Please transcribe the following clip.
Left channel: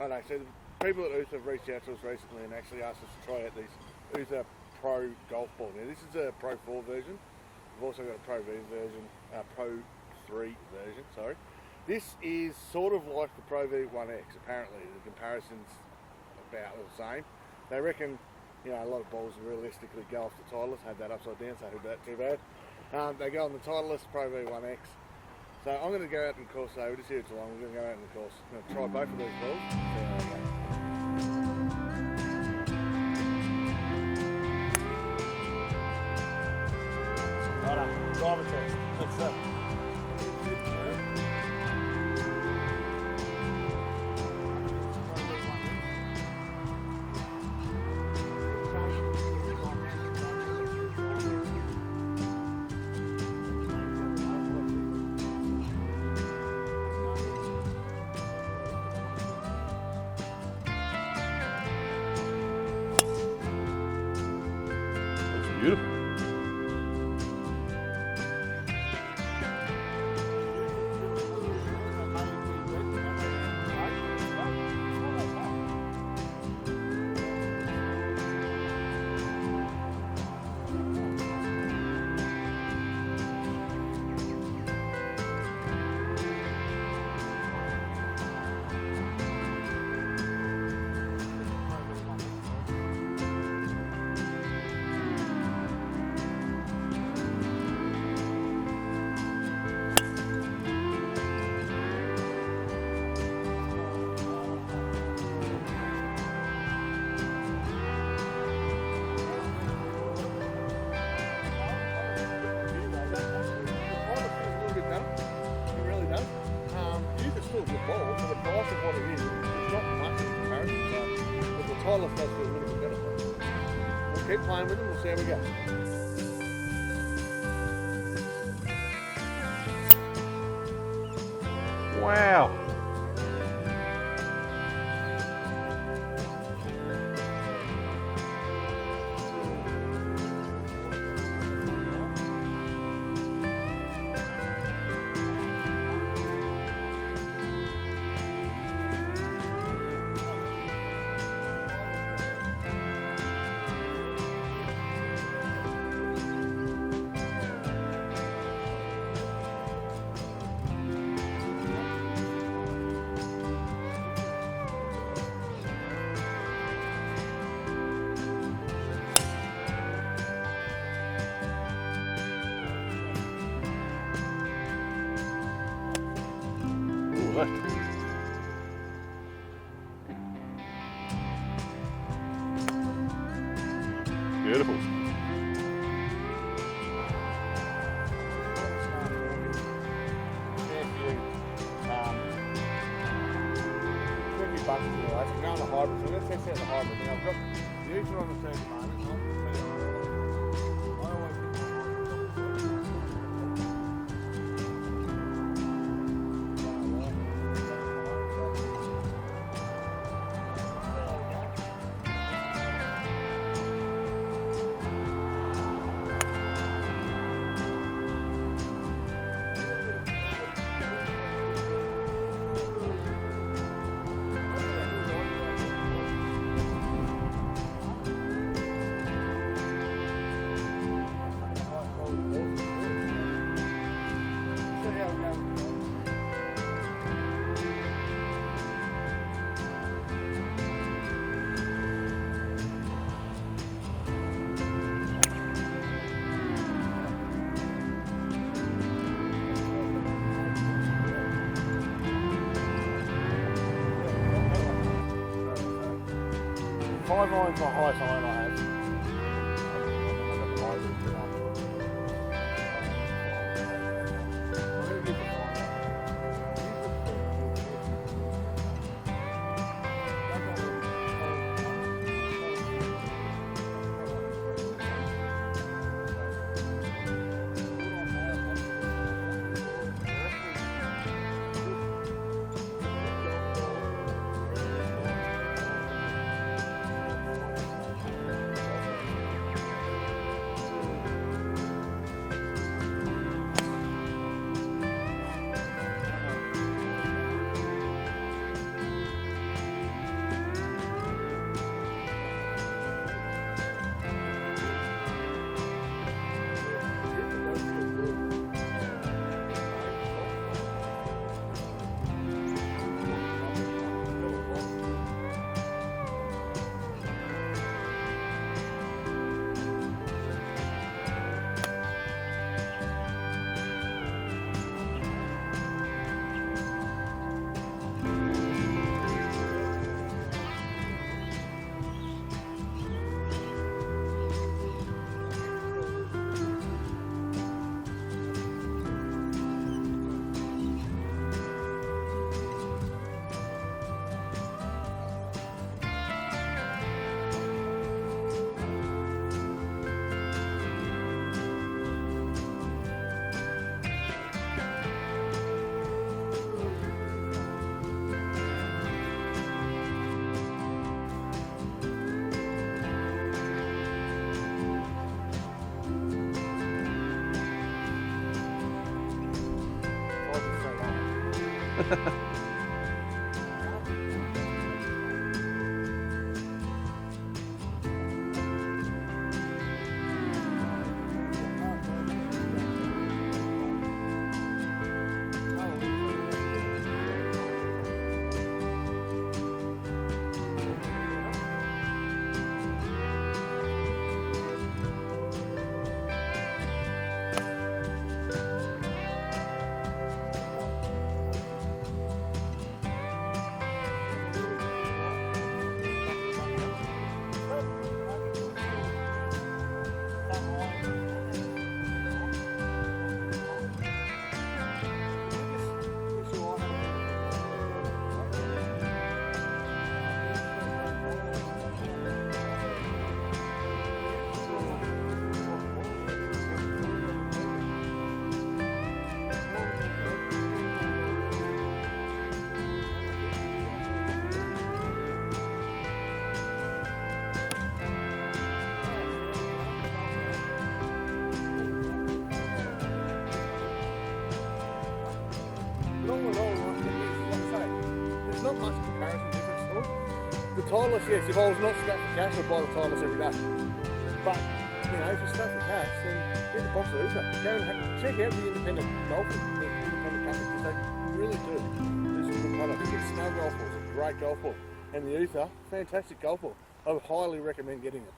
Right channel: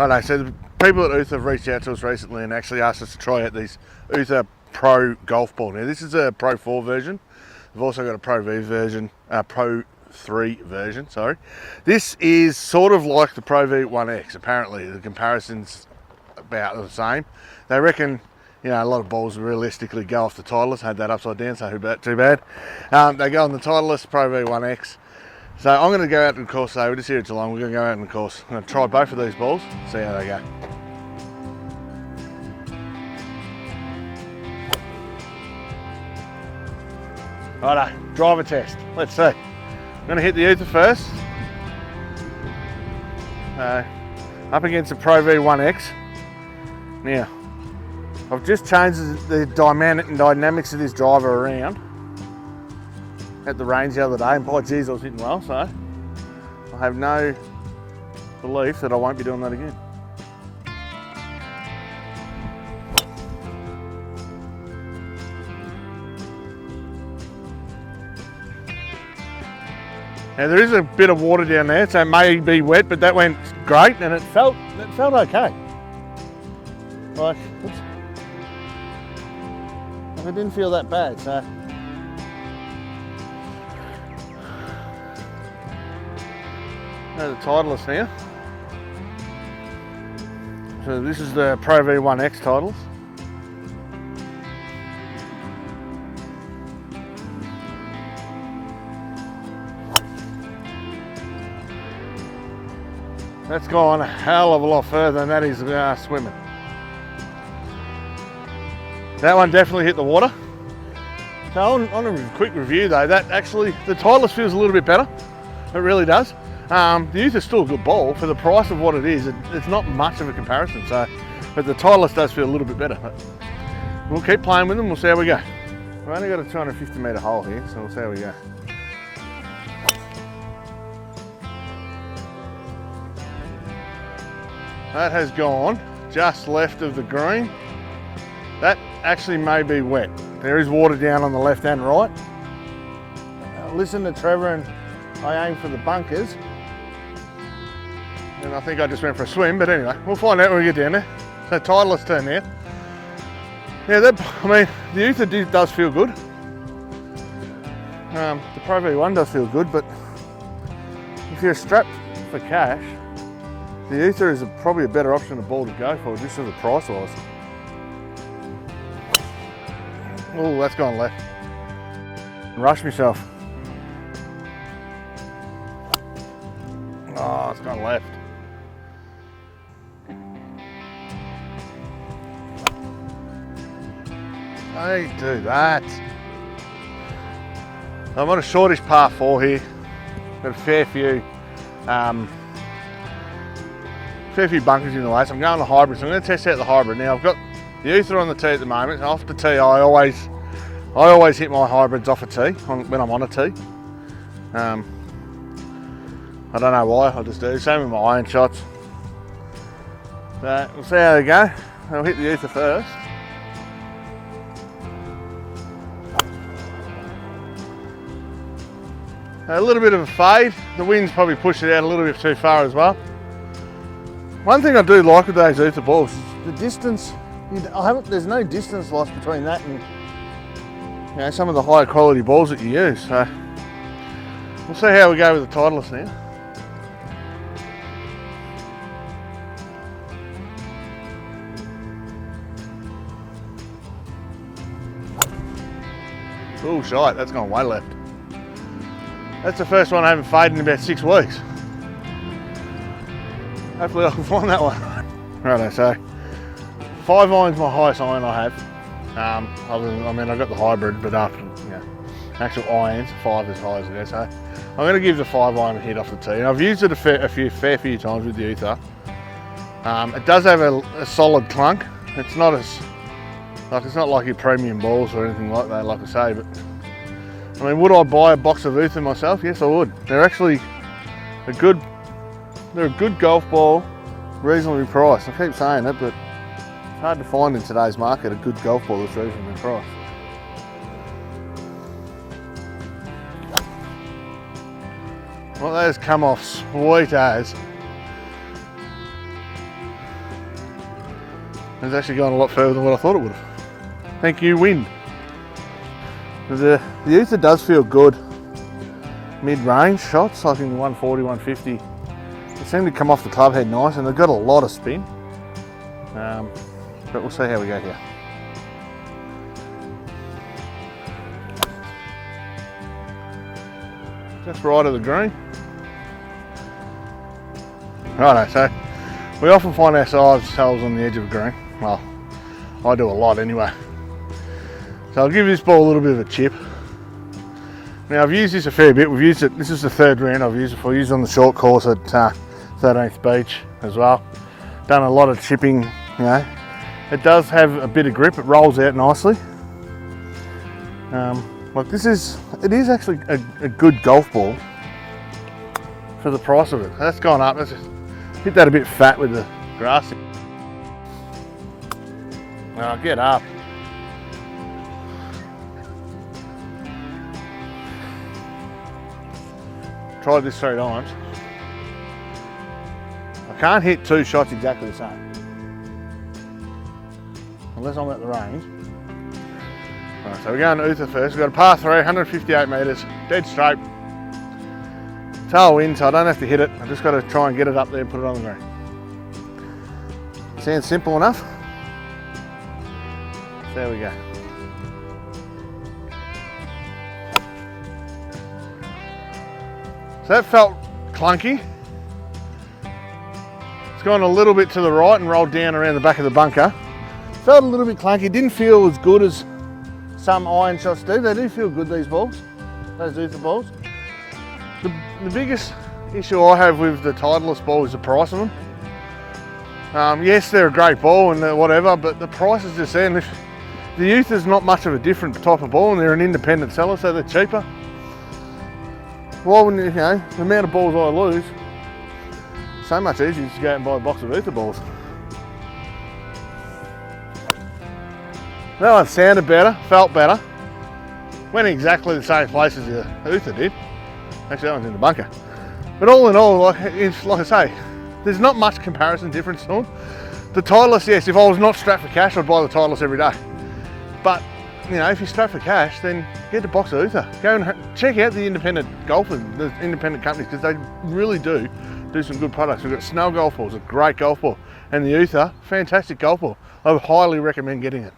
Righto, so the people at Uther have reached out to us recently and actually asked us to try out these Uther Pro golf ball. Now this is a Pro 4 version. We've also got a Pro V version, Pro 3 version, sorry. This is sort of like the ProV1x. Apparently the comparison's about the same. They reckon, you know, a lot of balls realistically go off the Titleist. I had that upside down, so too bad. They go on the Titleist ProV1x. So I'm going to go out and course today. We're just here at Geelong. We're going to go out and course. I'm going to try both of these balls, see how they go. Righto, driver test. Let's see. I'm going to hit the Uther first. Up against the ProV1x. Now, I've just changed the dynamics of this driver around at the range the other day, and by geez, I was hitting well, so I have no belief that I won't be doing that again. Beautiful. Now there is a bit of water down there, so it may be wet, but that went great, and it felt okay. Like, I didn't feel that bad, so. The Titleist now. So this is the ProV1x Titleist. That's gone a hell of a lot further than that is swimming. That one definitely hit the water. So on a quick review though, that actually, the Titleist feels a little bit better. It really does. The Uther's still a good ball for the price of what it is. It's not much of a comparison, so, but the Titleist does feel a little bit better. We'll keep playing with them, we'll see how we go. We've only got a 250 metre hole here, so we'll see how we go. Wow. That has gone just left of the green. That actually may be wet. There is water down on the left and right. Listen to Trevor, and I aim for the bunkers. And I think I just went for a swim, but anyway, we'll find out when we get down there. The Titleist turn there. Yeah, I mean, the Uther does feel good. The ProV1 does feel good, but if you're strapped for cash, the Uther is probably a better option of ball to go for, just sort of price-wise. Oh, that's gone left. Rush myself. Oh, it's gone left. Beautiful. Hey, do that. I'm on a shortish par 4 here. Got a fair few bunkers in the way, so I'm going to the hybrid. So I'm going to test out the hybrid. Now I've got the Uther on the tee at the moment. Off the tee, I always hit my hybrids off a tee when I'm on a tee. I don't know why, I just do. Same with my iron shots. But we'll see how they go. I'll hit the Uther first. A little bit of a fade. The wind's probably pushed it out a little bit too far as well. One thing I do like with those Uther balls, the distance, there's no distance loss between that and some of the higher quality balls that you use. So we'll see how we go with the Titleist now. Oh, shite, that's gone way left. That's the first one I haven't faded in about 6 weeks. Hopefully I can find that one. Righto, so 5 iron's my highest iron I have. I got the hybrid, but actual irons, 5 as high as it is. So I'm going to give the 5 iron a hit off the tee. And I've used it a fair few times with the Uther. It does have a solid clunk. It's not like your premium balls or anything like that, like I say. But I mean, would I buy a box of Uther myself? Yes, I would. They're actually they're a good golf ball, reasonably priced. I keep saying it, but it's hard to find in today's market a good golf ball that's reasonably priced. Well, that has come off sweet as. It's actually gone a lot further than what I thought it would. Thank you, wind. The Uther does feel good mid-range shots, like in 140, 150. They seem to come off the club head nice, and they've got a lot of spin. But we'll see how we go here. Just right of the green. Righto, so we often find ourselves on the edge of the green. Well, I do a lot anyway. So I'll give this ball a little bit of a chip. Now I've used this a fair bit. We've used it, this is the third round I've used it for. I used it on the short course at 13th Beach as well. Done a lot of chipping, you know. It does have a bit of grip, it rolls out nicely. But it is actually a good golf ball for the price of it. That's gone up, let's just hit that a bit fat with the grass. Now get up. Tried this 3 times. I can't hit 2 shots exactly the same. Unless I'm at the range. Right, so we're going to Uther first. We've got a par 3, 158 metres, dead straight. Tailwind, so I don't have to hit it. I just got to try and get it up there and put it on the green. Sounds simple enough. There we go. So that felt clunky. It's gone a little bit to the right and rolled down around the back of the bunker. Felt a little bit clunky, didn't feel as good as some iron shots do. They do feel good, these balls, those Uther balls. The biggest issue I have with the Titleist ball is the price of them. Yes, they're a great ball and whatever, but the price is just there. And the Uther's not much of a different type of ball, and they're an independent seller, so they're cheaper. Why wouldn't you know, the amount of balls I lose, so much easier to go out and buy a box of Uther balls. That one sounded better, felt better. Went exactly the same place as the Uther did. Actually, that one's in the bunker. But all in all, like I say, there's not much comparison difference to them. The Titleist, yes, if I was not strapped for cash, I'd buy the Titleist every day. But, you know, if you're strapped for cash, then get the box of Uther. Go and check out the independent golfers, the independent companies, because they really do some good products. We've got Snow golf balls, a great golf ball. And the Uther, fantastic golf ball. I would highly recommend getting it.